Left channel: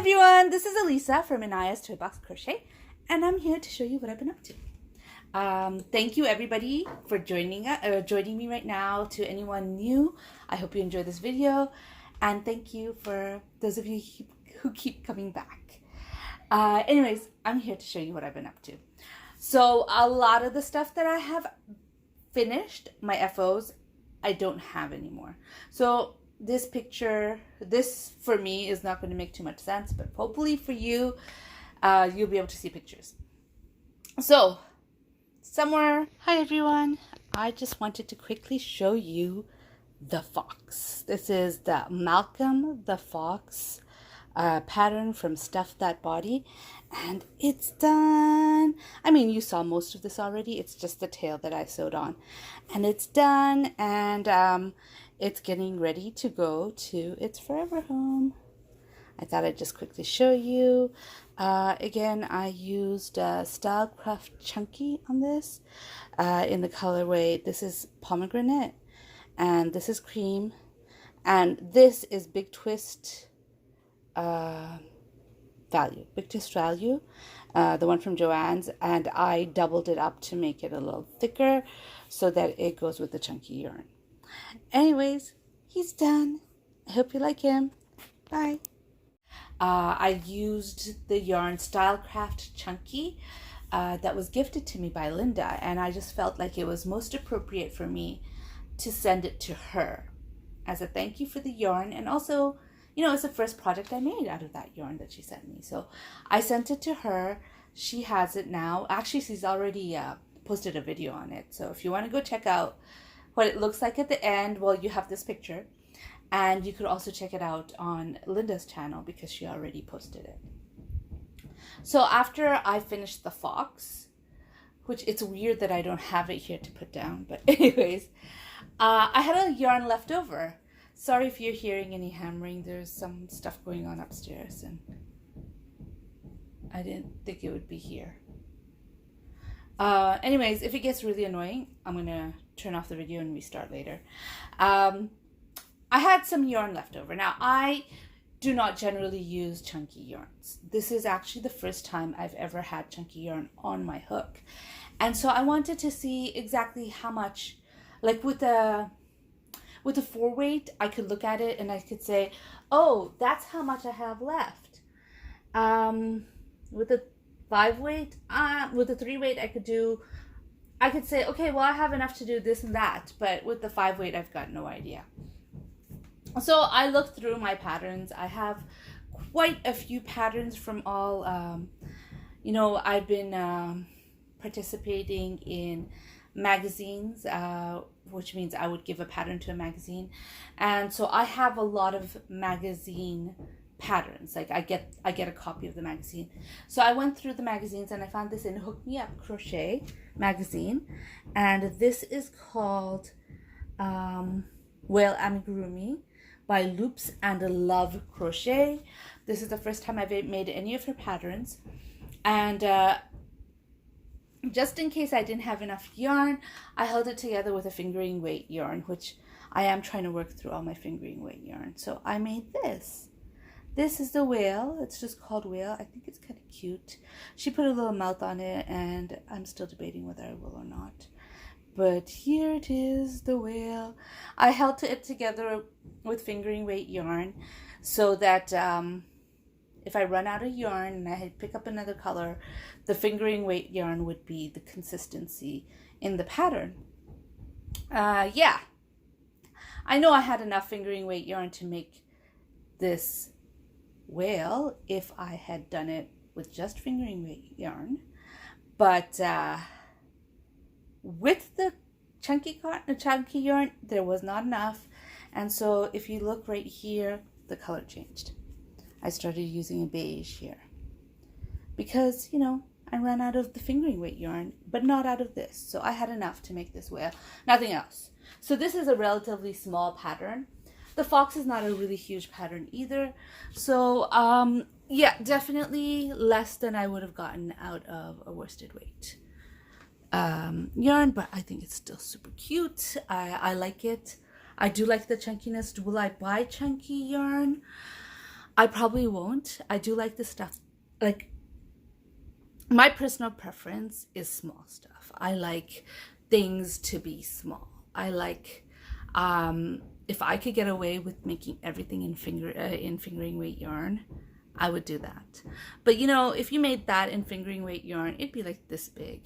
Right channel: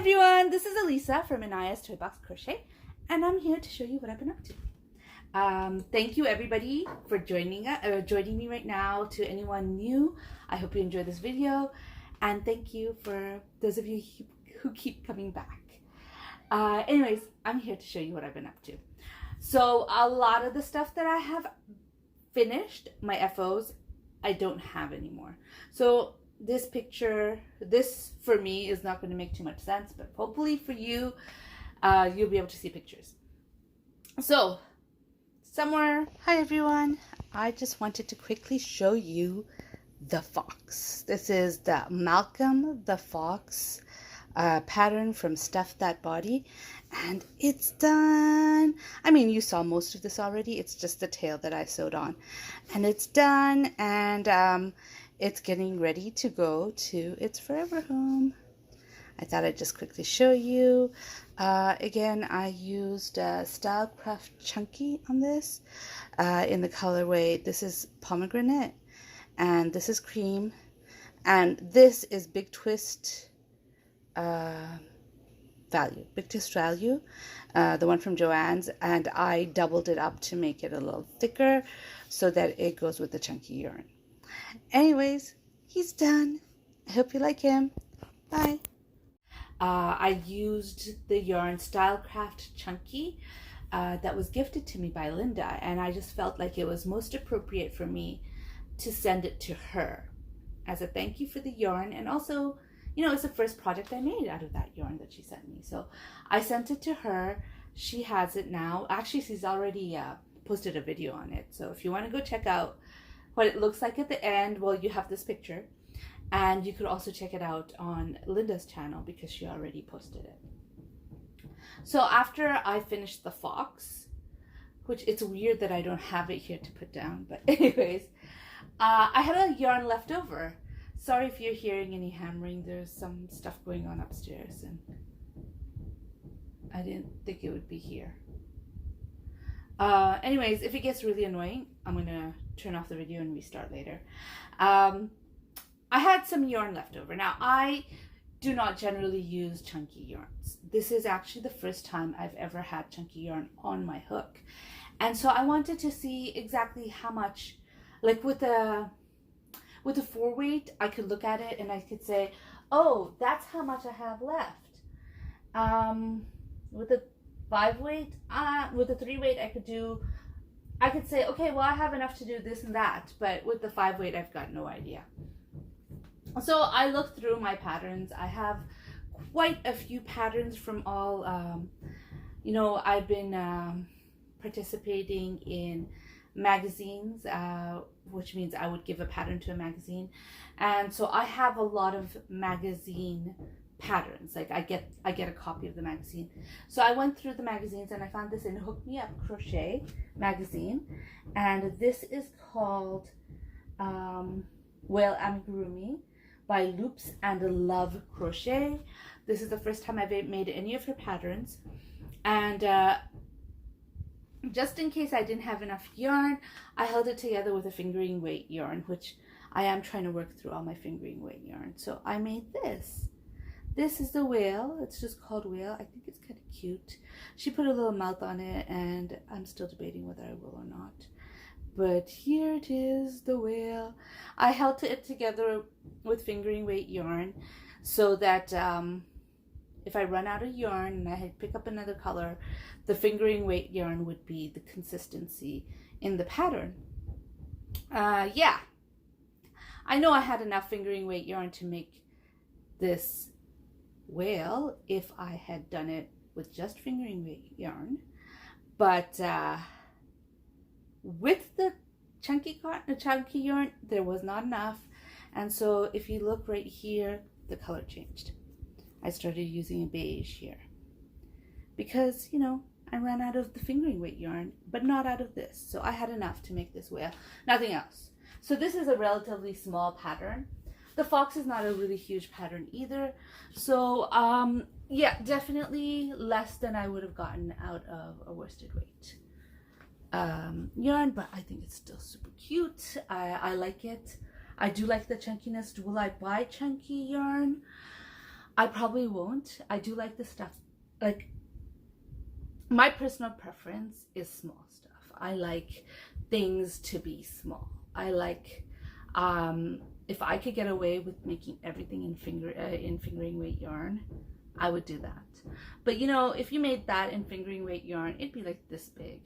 Everyone, this is Elisa from Anaya's Toy Box Crochet, and I'm here to show you what I've been up to. Thank you everybody for joining me right now. To anyone new, I hope you enjoy this video, and thank you for those of you who keep coming back. Anyways, I'm here to show you what I've been up to. So a lot of the stuff that I have finished, my FOs, I don't have anymore. So this picture, this for me is not going to make too much sense, but hopefully for you, you'll be able to see pictures. So hi everyone, I just wanted to quickly show you the fox. This is the Malcolm the Fox pattern from Stuff That Body, and it's done. I mean, you saw most of this already. It's just the tail that I sewed on, and it's done, and it's getting ready to go to its forever home. I thought I'd just quickly show you. Again, I used Stylecraft Chunky on this in the colorway. This is pomegranate, and this is cream, and this is Big Twist value, the one from Joann's, and I doubled it up to make it a little thicker so that it goes with the chunky yarn. Anyways, he's done. I hope you like him. Bye. I used the yarn Stylecraft Chunky that was gifted to me by Linda, and I just felt like it was most appropriate for me to send it to her as a thank you for the yarn, and also, you know, it's the first project I made out of that yarn that she sent me. So I sent it to her. She has it now. Actually, she's already posted a video on it. So if you want to go check out what it looks like at the end, well, you have this picture. And you could also check it out on Linda's channel because she already posted it. So after I finished the fox, which it's weird that I don't have it here to put down, but anyways, I had a yarn left over. Sorry if you're hearing any hammering. There's some stuff going on upstairs, and I didn't think it would be here. Anyways, if it gets really annoying, I'm gonna turn off the video and restart later. I had some yarn left over. Now, I do not generally use chunky yarns. This is actually the first time I've ever had chunky yarn on my hook. And so I wanted to see exactly how much, like with the 4-weight, I could look at it and I could say, oh, that's how much I have left. With the 5-weight, with the 3-weight, I could say, okay, well, I have enough to do this and that, but with the 5-weight, I've got no idea. So I looked through my patterns. I have quite a few patterns from all, you know, I've been participating in magazines, which means I would give a pattern to a magazine. And so I have a lot of magazine patterns. Like I get a copy of the magazine. So I went through the magazines and I found this in Hook Me Up Crochet magazine, and this is called Whale Amigurumi by Loops and Love Crochet. This is the first time I've made any of her patterns, and just in case I didn't have enough yarn, I held it together with a fingering weight yarn, which I am trying to work through all my fingering weight yarn. So I made this. This is the whale. It's just called Whale. I think it's kind of cute. She put a little mouth on it, and I'm still debating whether I will or not. But here it is, the whale. I held it together with fingering weight yarn so that if I run out of yarn and I pick up another color, the fingering weight yarn would be the consistency in the pattern. Yeah, I know I had enough fingering weight yarn to make this whale if I had done it with just fingering weight yarn, but with the chunky yarn, there was not enough. And so if you look right here, the color changed. I started using a beige here because, you know, I ran out of the fingering weight yarn, but not out of this. So I had enough to make this whale, nothing else. So this is a relatively small pattern. The fox is not a really huge pattern either. So yeah, definitely less than I would have gotten out of a worsted weight yarn, but I think it's still super cute. I like it. I do like the chunkiness. Will I buy chunky yarn? I probably won't. I do like the stuff, like, my personal preference is small stuff. I like things to be small. I like, if I could get away with making everything in fingering weight yarn, I would do that. But you know, if you made that in fingering weight yarn, it'd be like this big.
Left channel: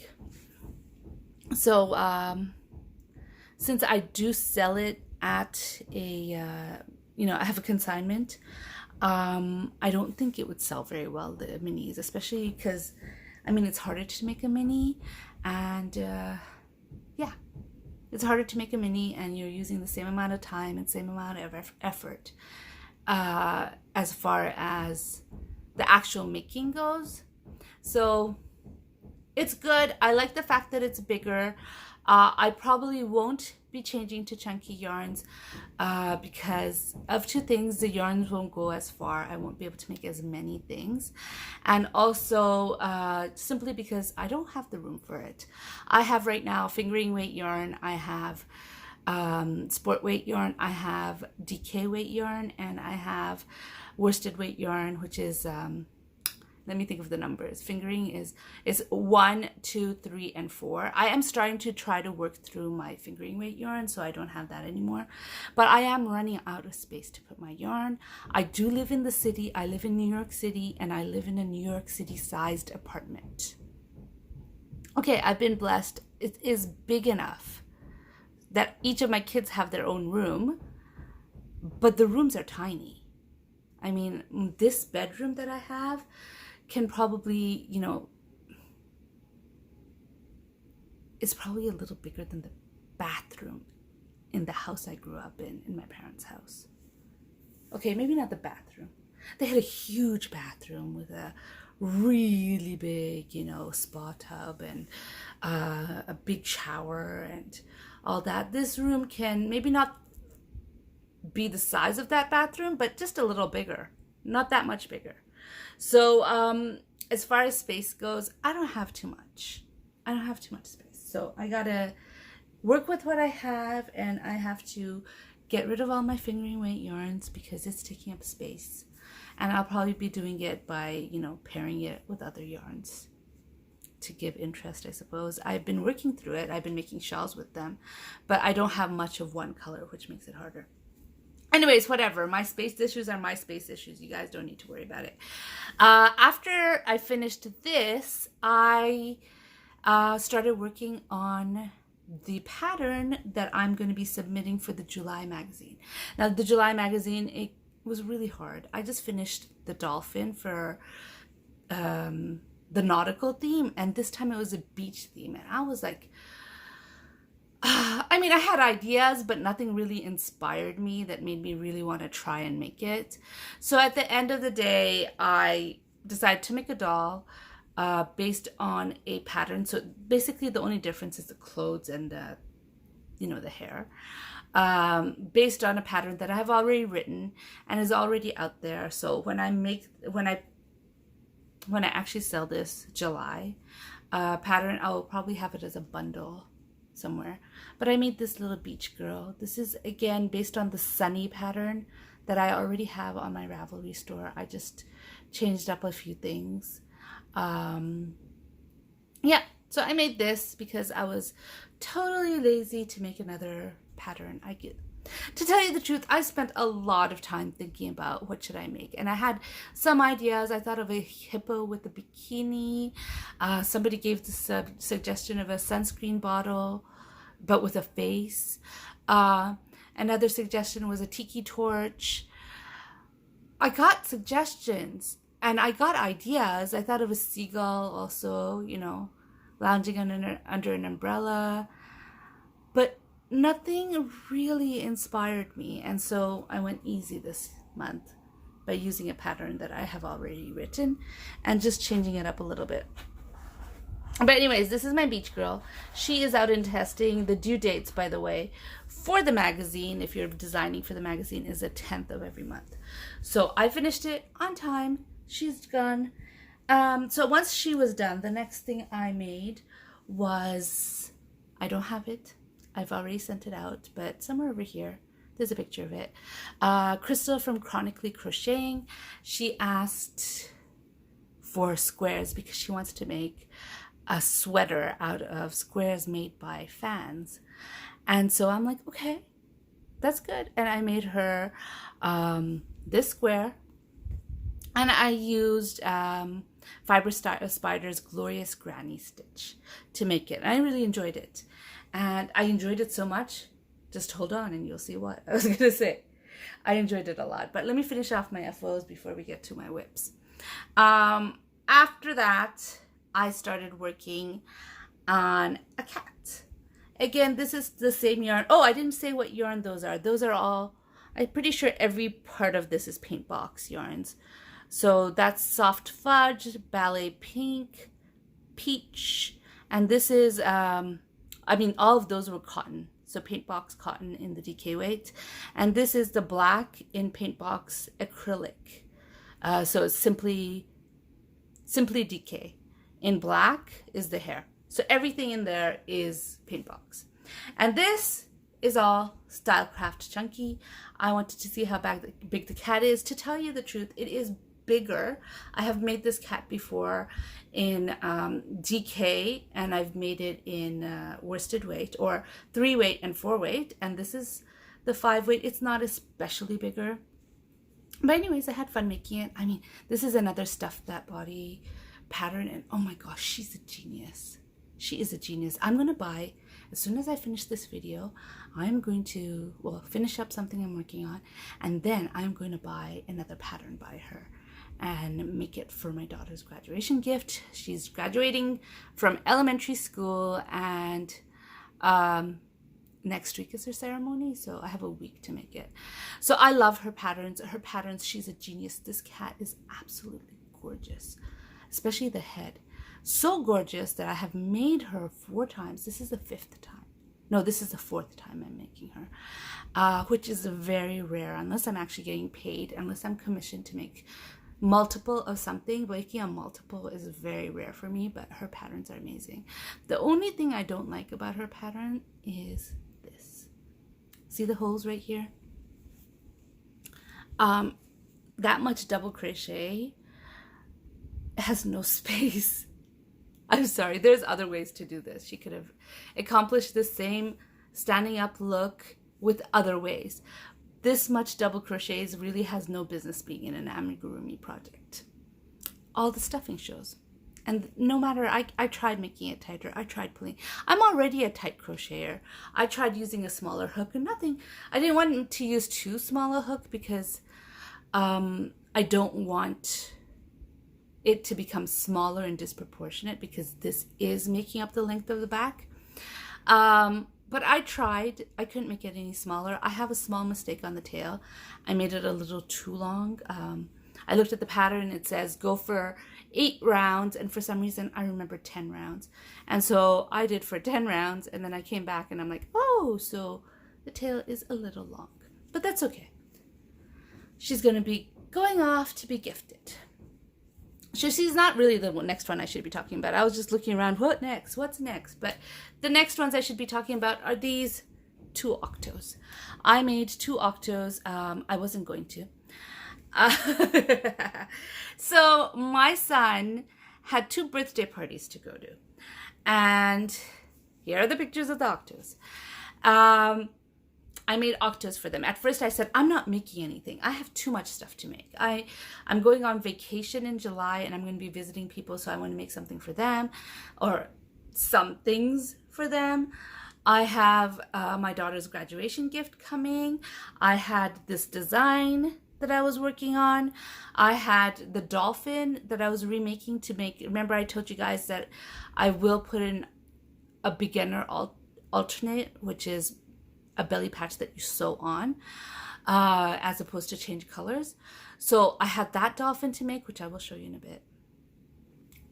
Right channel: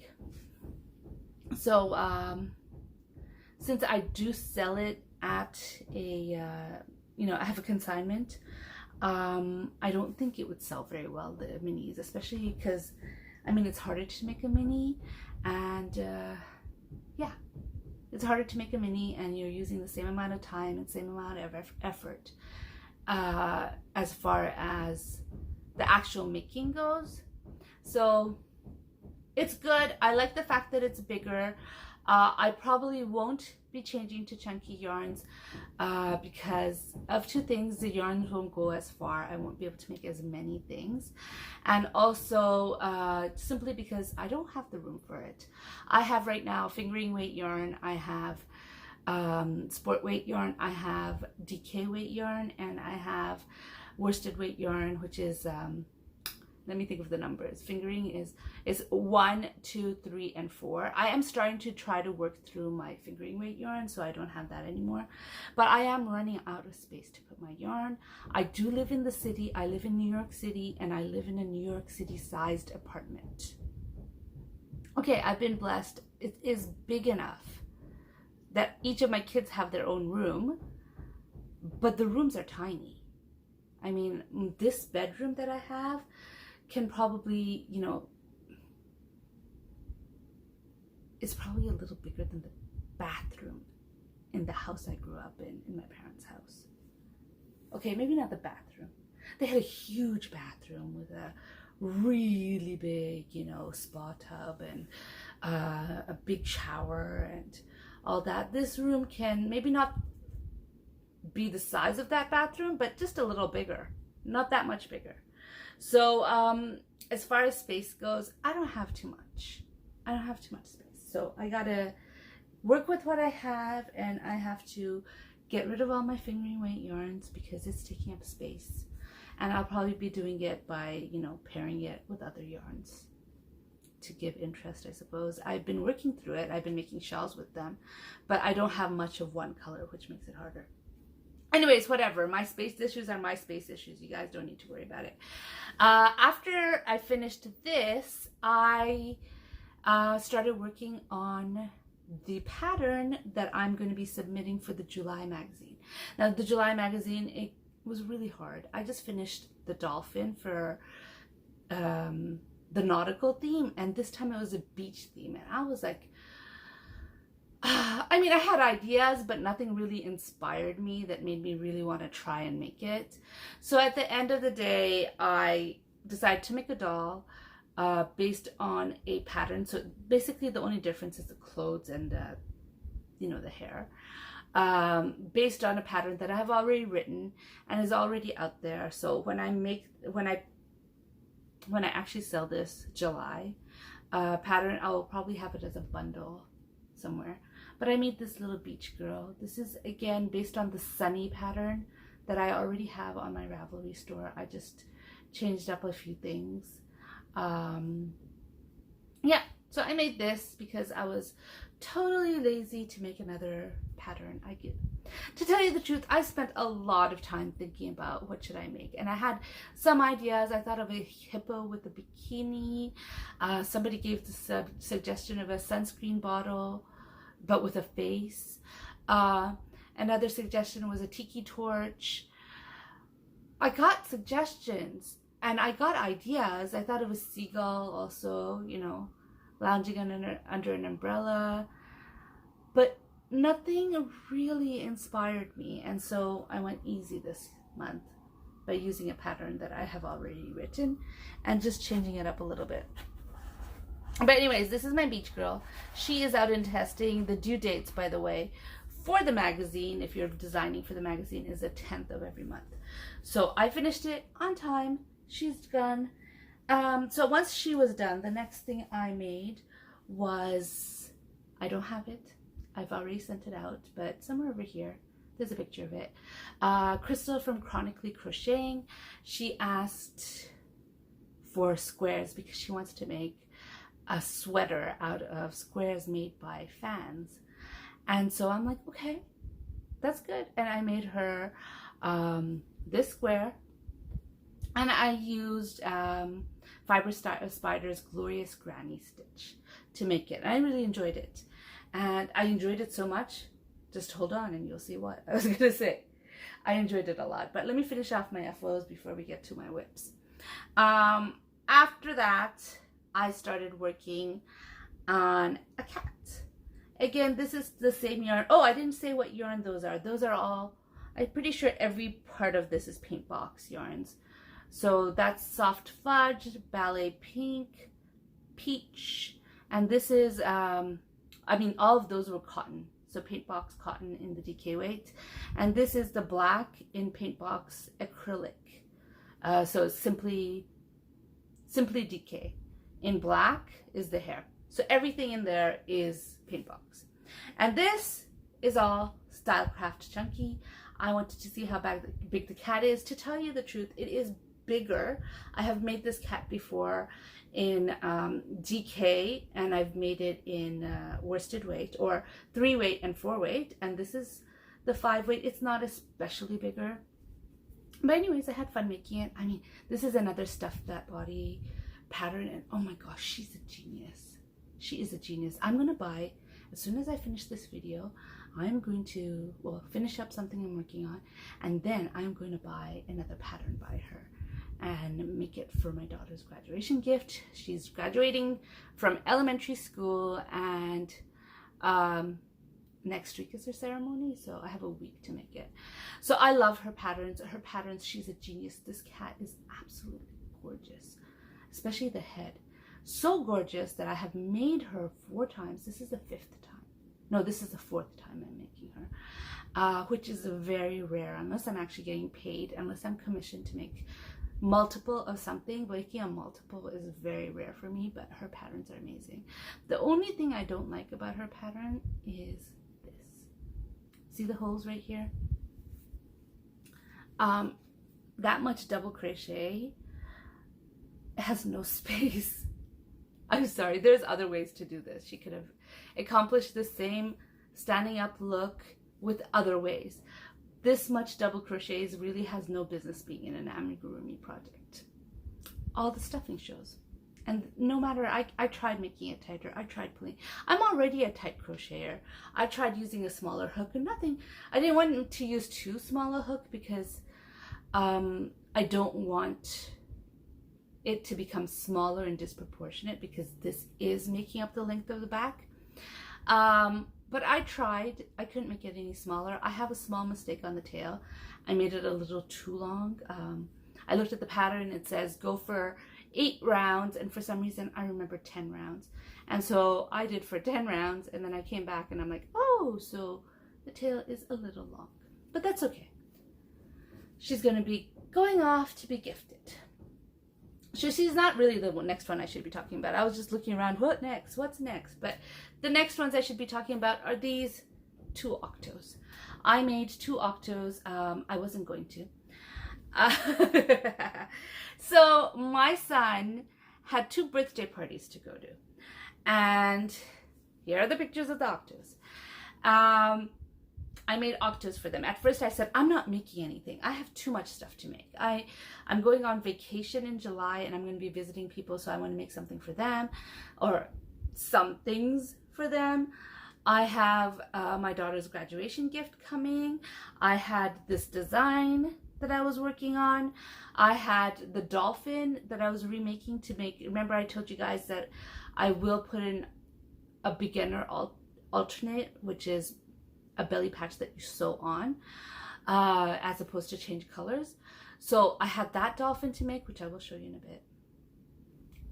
So since I do sell it at a, you know, I have a consignment, I don't think it would sell very well, the minis, especially because, I mean, it's harder to make a mini, and yeah, it's harder to make a mini, and you're using the same amount of time and same amount of effort as far as the actual making goes. So it's good. I like the fact that it's bigger. I probably won't be changing to chunky yarns because of two things. The yarns won't go as far. I won't be able to make as many things. And also simply because I don't have the room for it. I have right now fingering weight yarn. I have sport weight yarn. I have DK weight yarn. And I have worsted weight yarn, which is... let me think of the numbers. Fingering is 1, 2, 3, and 4. I am starting to try to work through my fingering weight yarn, so I don't have that anymore. But I am running out of space to put my yarn. I do live in the city. I live in New York City, and I live in a New York City sized apartment. Okay, I've been blessed. It is big enough that each of my kids have their own room, but the rooms are tiny. I mean, this bedroom that I have can probably, you know, it's probably a little bigger than the bathroom in the house I grew up in my parents' house. Okay, maybe not the bathroom. They had a huge bathroom with a really big, you know, spa tub and a big shower and all that. This room can maybe not be the size of that bathroom, but just a little bigger, not that much bigger. So as far as space goes, I don't have too much. I don't have too much space. So I gotta work with what I have, and I have to get rid of all my fingering weight yarns because it's taking up space. And I'll probably be doing it by, you know, pairing it with other yarns to give interest, I suppose. I've been working through it. I've been making shawls with them, but I don't have much of one color, which makes it harder. Anyways, whatever. My space issues are my space issues. You guys don't need to worry about it. After I finished this, I started working on the pattern that I'm going to be submitting for the July magazine. Now, the July magazine, it was really hard. I just finished the Dolphin for the nautical theme, and this time it was a beach theme, and I was like, I mean, I had ideas, but nothing really inspired me that made me really want to try and make it. So at the end of the day, I decided to make a doll based on a pattern. So basically the only difference is the clothes and the, you know, the hair. Based on a pattern that I have already written and is already out there. So when I actually sell this July pattern, I will probably have it as a bundle somewhere. But I made this little beach girl. This is again based on the sunny pattern that I already have on my Ravelry store. I just changed up a few things. Yeah, so I made this because I was totally lazy to make another pattern. To tell you the truth, I spent a lot of time thinking about what should I make, and I had some ideas. I thought of a hippo with a bikini. Somebody gave the suggestion of a sunscreen bottle but with a face. Another suggestion was a tiki torch. I got suggestions and I got ideas. I thought of a seagull also, you know, lounging under an umbrella, but nothing really inspired me. And so I went easy this month by using a pattern that I have already written and just changing it up a little bit. But anyways, this is my beach girl. She is out in testing. The due dates, by the way, for the magazine, if you're designing for the magazine, is the 10th of every month. So I finished it on time. She's done. So once she was done, the next thing I made was, I don't have it. I've already sent it out, but somewhere over here, There's a picture of it. Crystal from Chronically Crocheting, she asked for squares because she wants to make a sweater out of squares made by fans. And so I'm like, okay, that's good. And I made her this square, and I used Fiber Spider's Glorious Granny Stitch to make it. I really enjoyed it. And I enjoyed it so much, just hold on and you'll see what I was gonna say. I enjoyed it a lot, but let me finish off my FOs before we get to my whips. After that, I started working on a cat. Again, this is the same yarn. Oh, I didn't say what yarn those are. Those are all, I'm pretty sure every part of this is paint box yarns. So that's Soft Fudge, Ballet Pink, Peach, and this is, I mean, all of those were cotton. So paint box cotton in the DK weight. And this is the black in paint box acrylic. So it's simply DK. In black is the hair. So everything in there is paint box. And this is all Stylecraft Chunky. I wanted to see how big the cat is. To tell you the truth, it is bigger. I have made this cat before in DK, and I've made it in worsted weight, or 3 weight and 4 weight, and this is the 5 weight. It's not especially bigger, but anyways, I had fun making it. I mean, this is another Stuff That Body pattern, and oh my gosh, she's a genius. She is a genius. I'm gonna buy, as soon as I finish this video, I'm going to, well, finish up something I'm working on, and then I'm going to buy another pattern by her and make it for my daughter's graduation gift. She's graduating from elementary school, and next week is her ceremony, so I have a week to make it. So I love her patterns. She's a genius. This cat is absolutely gorgeous, especially the head. So gorgeous that I have made her 4 times. This is the 5th time. No, this is the 4th time I'm making her, which is very rare, unless I'm actually getting paid, unless I'm commissioned to make multiple of something. Making a multiple is very rare for me, but her patterns are amazing. The only thing I don't like about her pattern is this. See the holes right here? That much double crochet has no space. I'm sorry, there's other ways to do this. She could have accomplished the same standing up look with other ways. This much double crochets really has no business being in an amigurumi project. All the stuffing shows. And no matter, I tried making it tighter. I tried pulling. I'm already a tight crocheter. I tried using a smaller hook and nothing. I didn't want to use too small a hook because I don't want it to become smaller and disproportionate, because this is making up the length of the back. But I tried. I couldn't make it any smaller. I have a small mistake on the tail. I made it a little too long. I looked at the pattern. It says go for 8 rounds, and for some reason I remember 10 rounds. And so I did for 10 rounds, and then I came back and I'm like, oh, so the tail is a little long. But that's okay. She's going to be going off to be gifted. So she's not really the next one I should be talking about. I was just looking around, what next? What's next? But the next ones I should be talking about are these 2 Octos. I made 2 Octos. I wasn't going to. So my son had 2 birthday parties to go to. And here are the pictures of the Octos. I made Octos for them. At first I said, I'm not making anything. I have too much stuff to make. I'm going on vacation in July, and I'm going to be visiting people, so I want to make something for them, or some things for them. I have my daughter's graduation gift coming. I had this design that I was working on. I had the Dolphin that I was remaking to make. Remember I told you guys that I will put in a beginner alternate, which is a belly patch that you sew on, as opposed to change colors. So I had that Dolphin to make, which I will show you in a bit.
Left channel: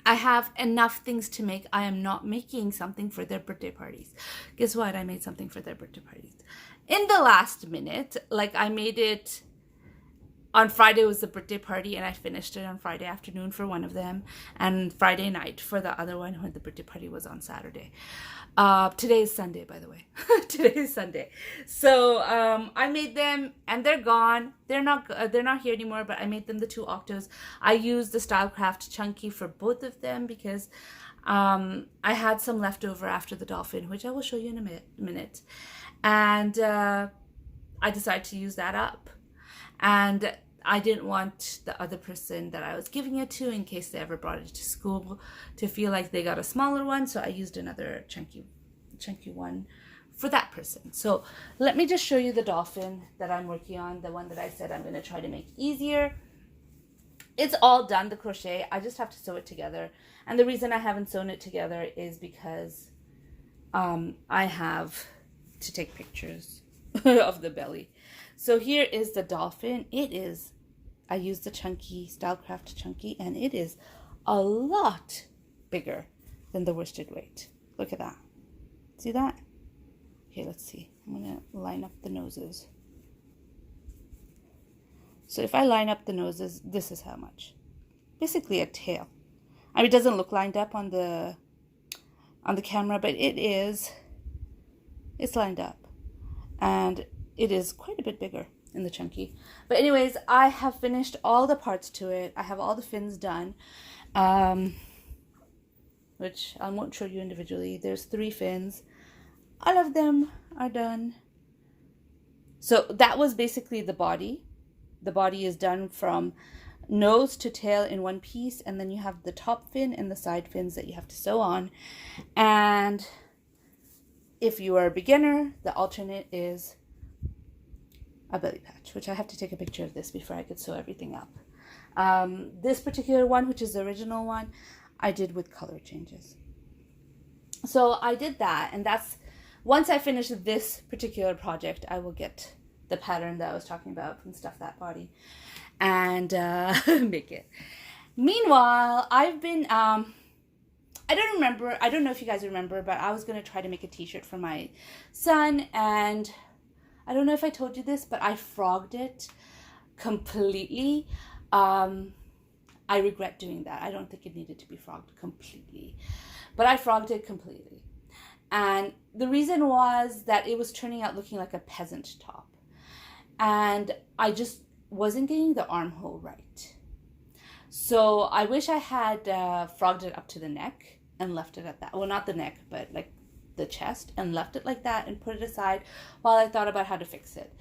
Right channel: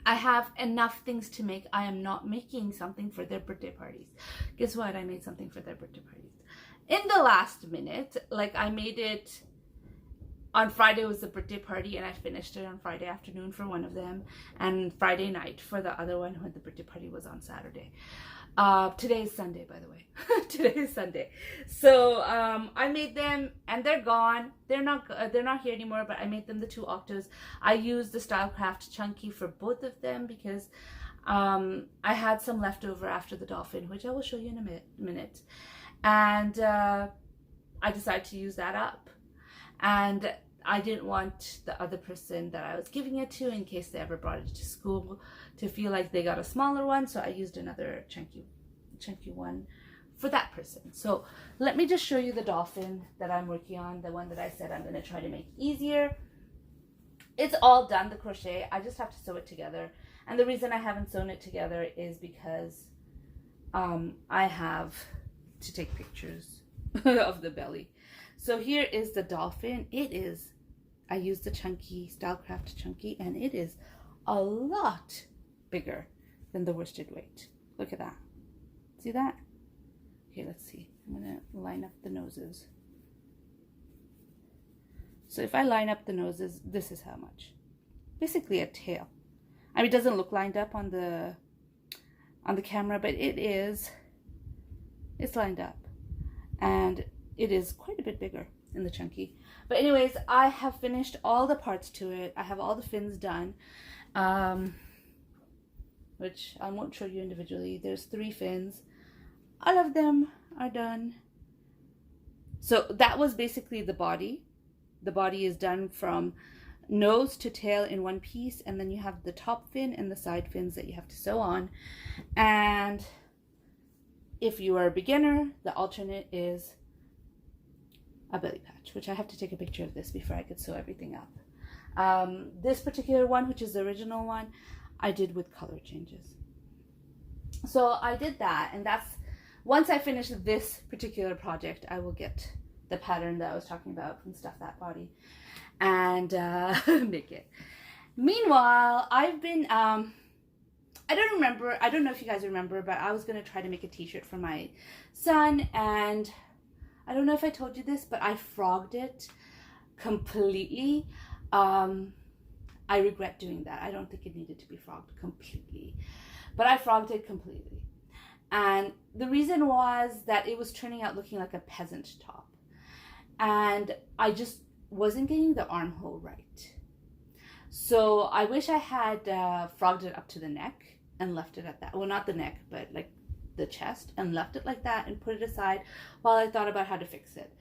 I have enough things to make. I am not making something for their birthday parties. Guess what? I made something for their birthday parties in the last minute. Like, I made it on Friday was the birthday party, and I finished it on Friday afternoon for one of them, and Friday night for the other one, when the birthday party was on Saturday. Today is Sunday, by the way. Today is Sunday. So I made them, and they're gone. They're not here anymore. But I made them the 2 Octos. I used the Stylecraft Chunky for both of them because I had some left over after the Dolphin, which I will show you in a minute. And I decided to use that up. And I didn't want the other person that I was giving it to, in case they ever brought it to school, to feel like they got a smaller one. So I used another chunky one for that person. So let me just show you the Dolphin that I'm working on, the one that I said I'm going to try to make easier. It's all done, the crochet. I just have to sew it together. And the reason I haven't sewn it together is because I have to take pictures of the belly. So here is the Dolphin. I used the chunky, Stylecraft Chunky, and it is a lot bigger than the worsted weight. Look at that. See that? Okay, let's see. I'm going to line up the noses. So if I line up the noses, this is how much. Basically a tail. I mean, it doesn't look lined up on the camera, but it's lined up. And it is quite a bit bigger in the chunky. But anyways, I have finished all the parts to it. I have all the fins done, which I won't show you individually. There's 3 fins. All of them are done. So that was basically the body. The body is done from nose to tail in one piece, and then you have the top fin and the side fins that you have to sew on. And if you are a beginner, the alternate is a belly patch, which I have to take a picture of this before I could sew everything up. This particular one, which is the original one, I did with color changes. So I did that, and that's, once I finish this particular project, I will get the pattern that I was talking about and stuff that body and make it. Meanwhile, I've been, I don't know if you guys remember, but I was going to try to make a t-shirt for my son, and I don't know if I told you this, but I frogged it completely. I regret doing that. I don't think it needed to be frogged completely, but I frogged it completely. And the reason was that it was turning out looking like a peasant top. And I just wasn't getting the armhole right. So I wish I had frogged it up to the neck and left it at that. Well, not the neck, but like the chest, and left it like that and put it aside while I thought about how to fix it.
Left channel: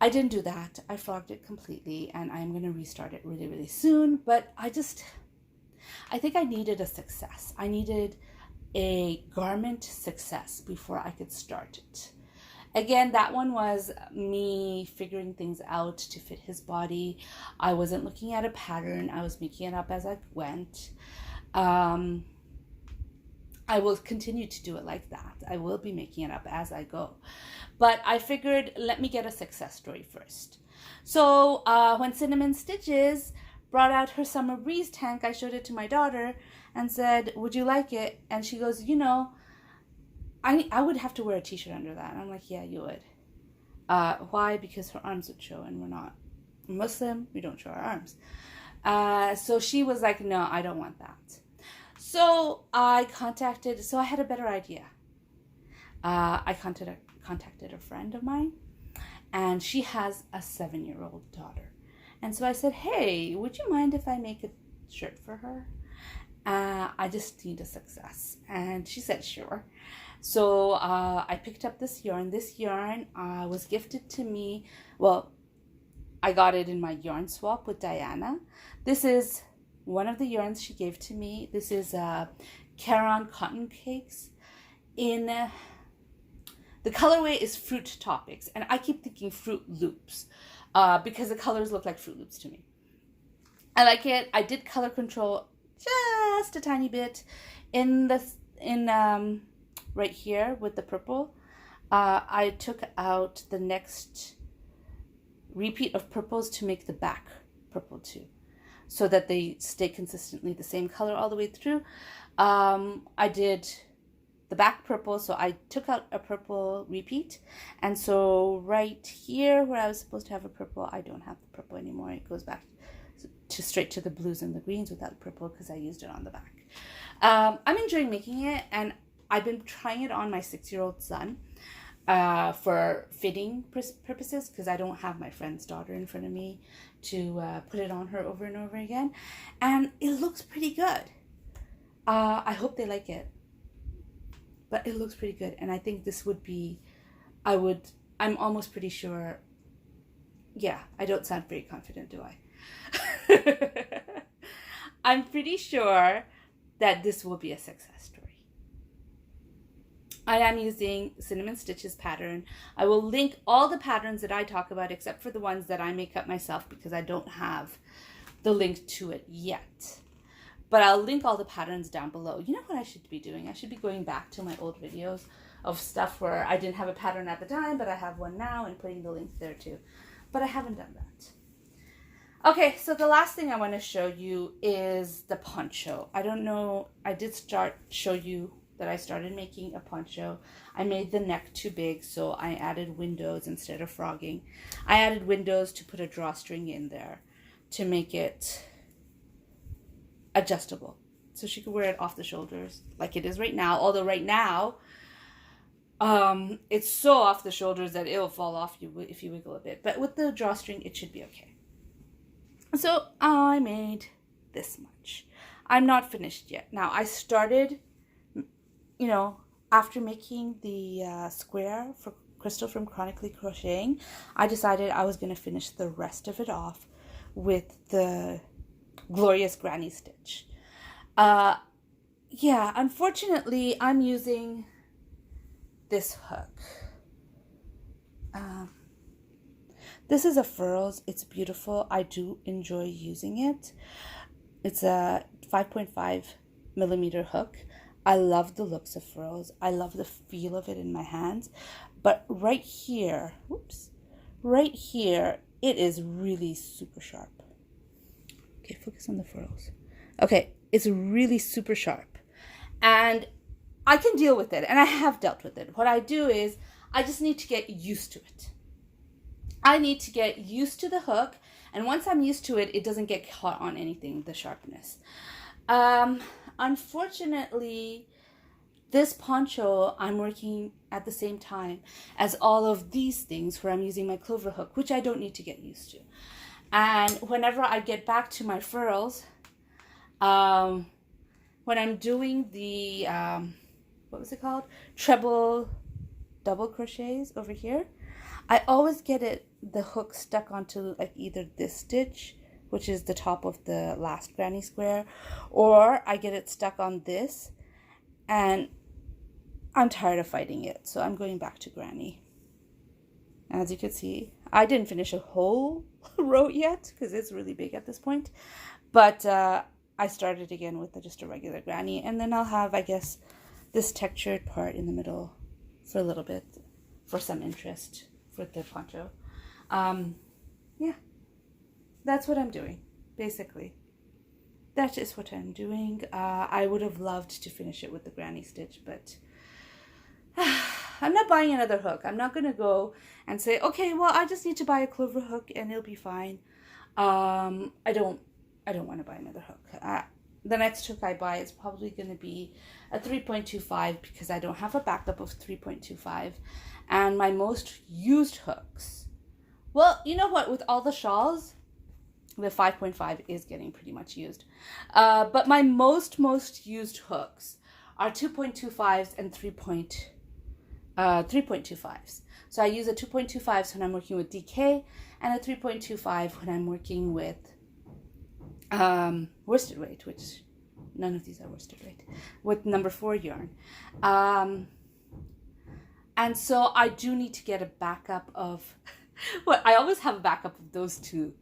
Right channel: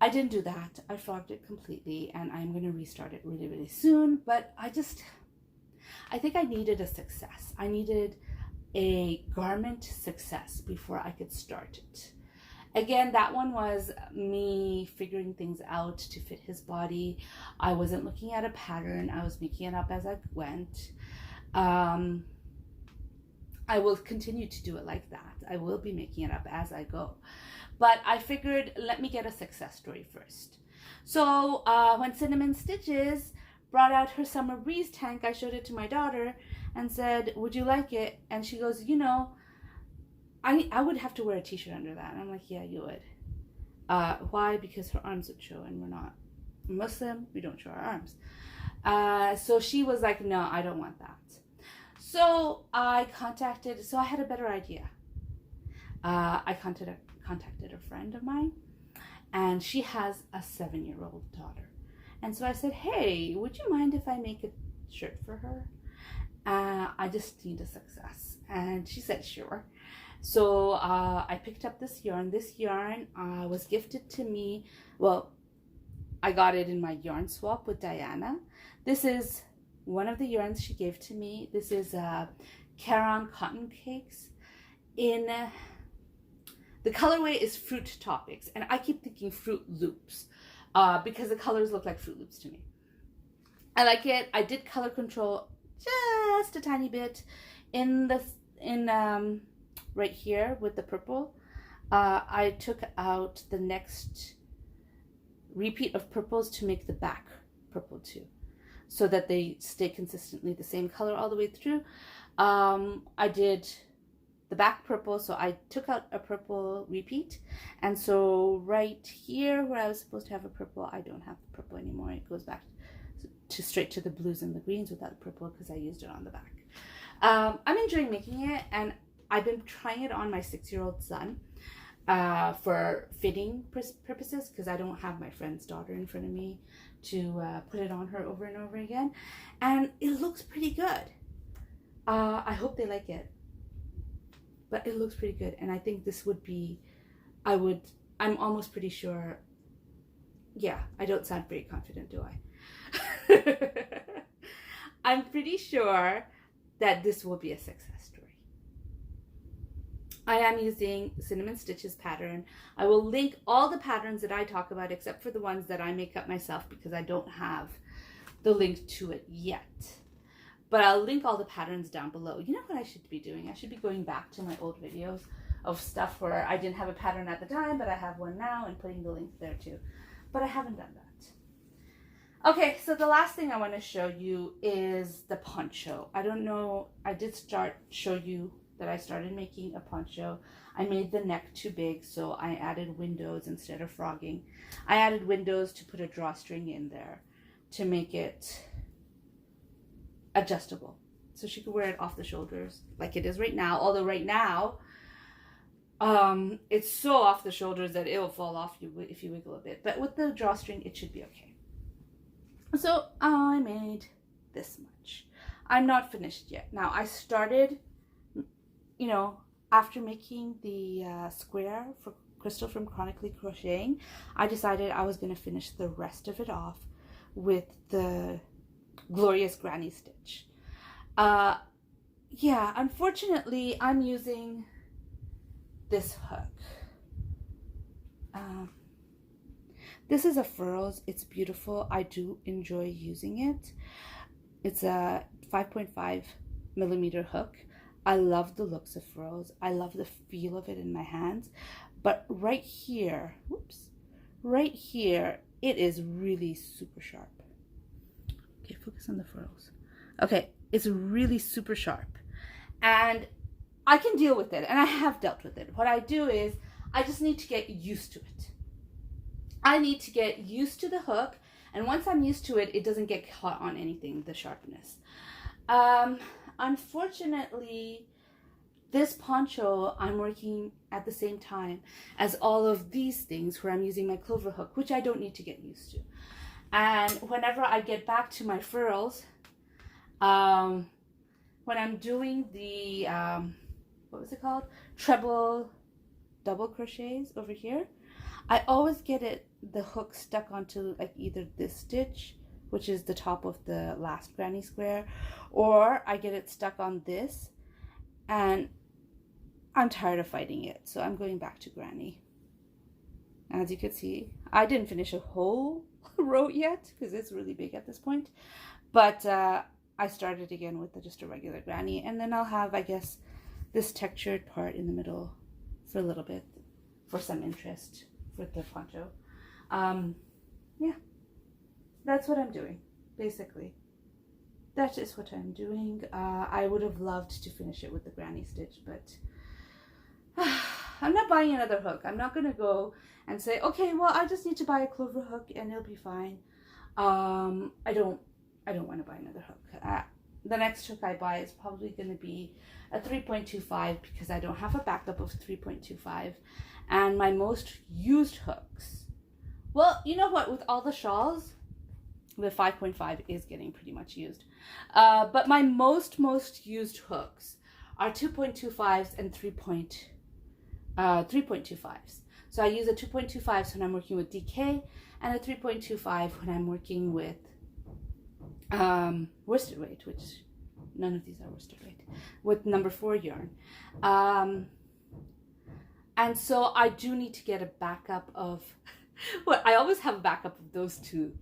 I didn't do that. I frogged it completely, and I'm going to restart it really, really soon. But I think I needed a success. I needed a garment success before I could start it. Again, that one was me figuring things out to fit his body. I wasn't looking at a pattern. I was making it up as I went. I will continue to do it like that. I will be making it up as I go. But I figured, let me get a success story first. So when Cinnamon Stitches brought out her Summer Breeze tank, I showed it to my daughter and said, would you like it? And she goes, you know, I would have to wear a t-shirt under that. And I'm like, yeah, you would. Why? Because her arms would show, and we're not Muslim. We don't show our arms. So she was like, no, I don't want that. So I had a better idea. I contacted a friend of mine, and she has a 7-year-old daughter. And so I said, hey, would you mind if I make a shirt for her? I just need a success. And she said, sure. So I picked up this yarn. This yarn was gifted to me. Well, I got it in my yarn swap with Diana. This is one of the yarns she gave to me. This is Caron Cotton Cakes. The colorway is Fruit Topics, and I keep thinking Fruit Loops because the colors look like Fruit Loops to me. I like it. I did color control just a tiny bit right here with the purple. I took out the next repeat of purples to make the back purple too, so that they stay consistently the same color all the way through. I did the back purple, so I took out a purple repeat, and so right here where I was supposed to have a purple, I don't have the purple anymore. It goes back straight to the blues and the greens without purple because I used it on the back. I'm enjoying making it, and I've been trying it on my 6-year-old son for fitting purposes, because I don't have my friend's daughter in front of me to put it on her over and over again, and it looks pretty good. I hope they like it, but it looks pretty good, and I think this would be, I'm almost pretty sure, yeah, I don't sound very confident, do I? I'm pretty sure that this will be a success story. I am using Cinnamon Stitches pattern. I will link all the patterns that I talk about, except for the ones that I make up myself, because I don't have the link to it yet. But I'll link all the patterns down below. You know what I should be doing? I should be going back to my old videos of stuff where I didn't have a pattern at the time, but I have one now, and putting the link there too. But I haven't done that. Okay, so the last thing I want to show you is the poncho. I don't know, I did show you that I started making a poncho. I made the neck too big, so I added windows instead of frogging. I added windows to put a drawstring in there to make it adjustable, so she could wear it off the shoulders like it is right now. Although right now, it's so off the shoulders that it'll fall off you if you wiggle a bit. But with the drawstring, it should be okay. So I made this much. I'm not finished yet. Now I started, you know, after making the square for Crystal from Chronically Crocheting, I decided I was going to finish the rest of it off with the Glorious Granny Stitch. Yeah, unfortunately, I'm using this hook. This is a Furls. It's beautiful. I do enjoy using it. It's a 5.5 millimeter hook. I love the looks of Furls. I love the feel of it in my hands. But right here, whoops, right here, it is really super sharp. Okay, focus on the Furls. Okay, it's really super sharp. And I can deal with it, and I have dealt with it. What I do is, I just need to get used to it. I need to get used to the hook, and once I'm used to it, it doesn't get caught on anything, the sharpness. Unfortunately, this poncho, I'm working at the same time as all of these things where I'm using my clover hook, which I don't need to get used to. And whenever I get back to my furls, when I'm doing the, what was it called? Treble double crochets over here, I always get the hook stuck onto like either this stitch, which is the top of the last granny square, or I get it stuck on this, and I'm tired of fighting it, so I'm going back to granny. As you can see, I didn't finish a whole row yet because it's really big at this point, but I started again with just a regular granny, and then I'll have, I guess, this textured part in the middle for a little bit for some interest for the poncho. Yeah, that's what I'm doing, basically. That is what I'm doing. I would have loved to finish it with the granny stitch, but I'm not buying another hook. I'm not going to go and say, okay, well, I just need to buy a clover hook and it'll be fine. I don't want to buy another hook. The next hook I buy is probably going to be a 3.25 because I don't have a backup of 3.25. And my most used hooks, well, you know what, with all the shawls, the 5.5 is getting pretty much used. But my most used hooks are 2.25s and 3.25s. So I use a 2.25s when I'm working with DK and a 3.25 when I'm working with worsted weight, which none of these are worsted weight, with number 4 yarn. And so I do need to get a backup of, well, I always have a backup of those two,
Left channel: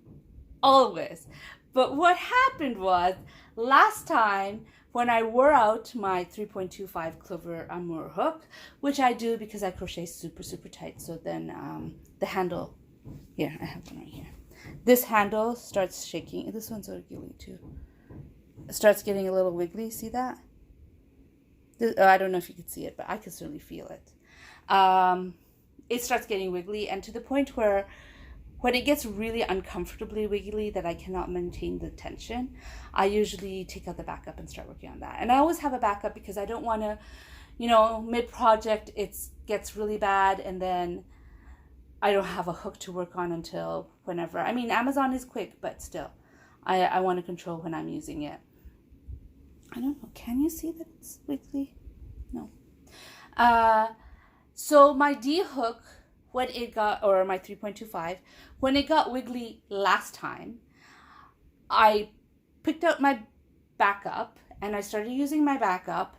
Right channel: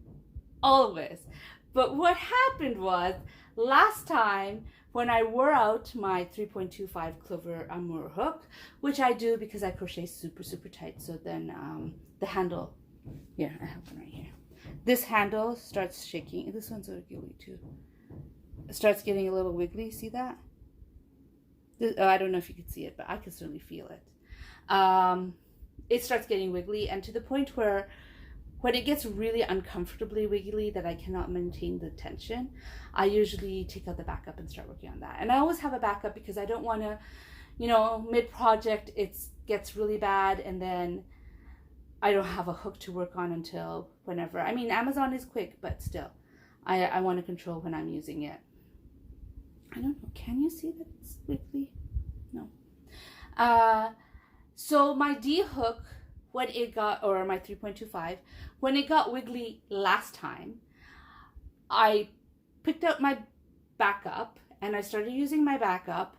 always. But what happened was, last time when I wore out my 3.25 Clover Amour hook, which I do because I crochet super tight, so then the handle, here, I have one right here. This handle starts shaking. This one's wiggly too. It starts getting a little wiggly. See that? I don't know if you can see it, but I can certainly feel it. It starts getting wiggly, and to the point where when it gets really uncomfortably wiggly that I cannot maintain the tension, I usually take out the backup and start working on that. And I always have a backup because I don't want to, you know, mid-project it gets really bad, and then I don't have a hook to work on until whenever. I mean, Amazon is quick, but still, I want to control when I'm using it. I don't know. Can you see that it's wiggly? No. So my D hook, when it got, or my 3.25, when it got wiggly last time, I picked up my backup and I started using my backup,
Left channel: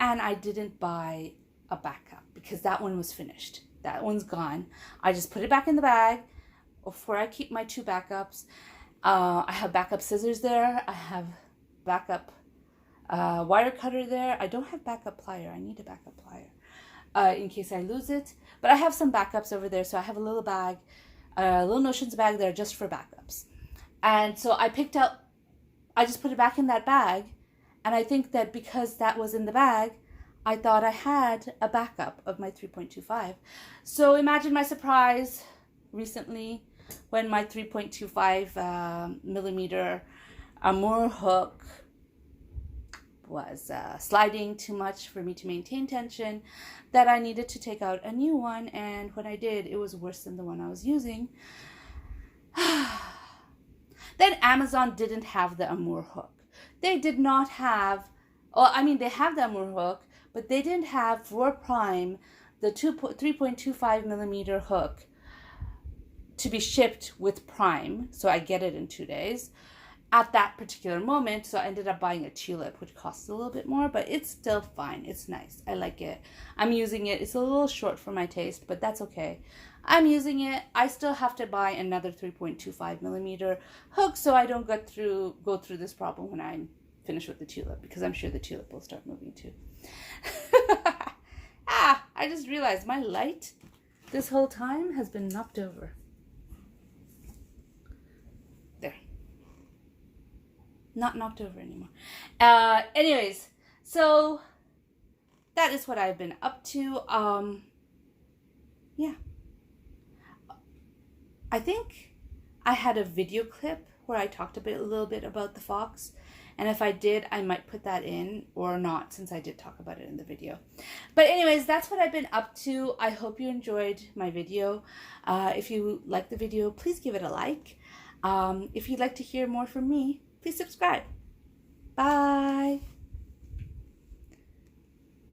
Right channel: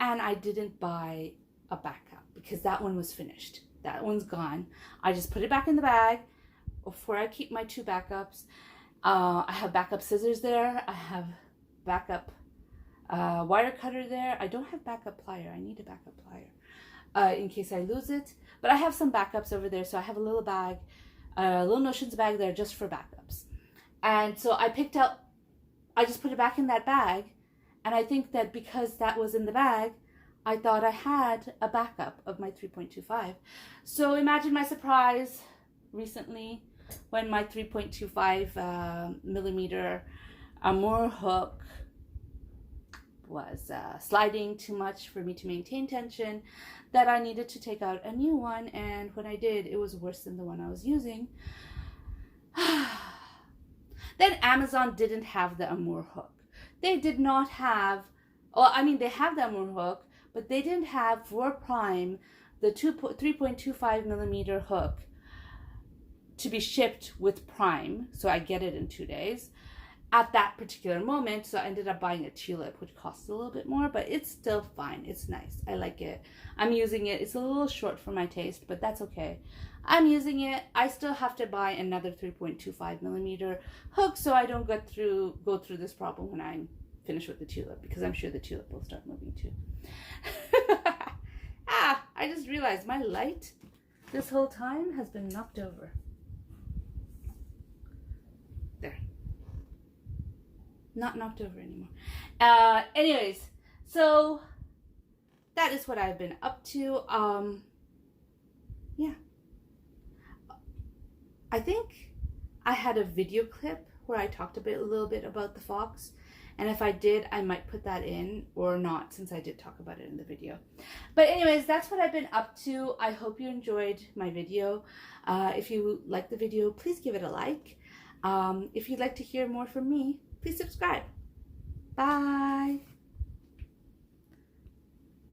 and I didn't buy a backup because that one was finished. That one's gone. I just put it back in the bag of where I keep my 2 backups. I have backup scissors there. I have backup wire cutter there. I don't have backup plier. I need a backup plier in case I lose it. But I have some backups over there. So I have a little bag, a little Notions bag there just for backups. And so I just put it back in that bag. And I think that because that was in the bag, I thought I had a backup of my 3.25. So imagine my surprise recently when my 3.25 millimeter Amur hook was sliding too much for me to maintain tension, that I needed to take out a new one. And when I did, it was worse than the one I was using. Then Amazon didn't have the Amur hook. They did not have, well, I mean, they have the Amur hook, but they didn't have for Prime the 3.25 millimeter hook to be shipped with Prime. So I get it in 2 days at that particular moment. So I ended up buying a tulip, which costs a little bit more, but it's still fine. It's nice. I like it. I'm using it. It's a little short for my taste, but that's okay. I'm using it. I still have to buy another 3.25 millimeter hook so I don't go through this problem when I'm finished with the tulip, because I'm sure the tulip will start moving too. I just realized my light this whole time has been knocked over. There. Not knocked over anymore. Anyways, so that is what I've been up to. Yeah. I think I had a video clip where I talked a little bit about the fox. And if I did, I might put that in or not, since I did talk about it in the video. But anyways, that's what I've been up to. I hope you enjoyed my video. If you liked the video, please give it a like. If you'd like to hear more from me, please subscribe. Bye.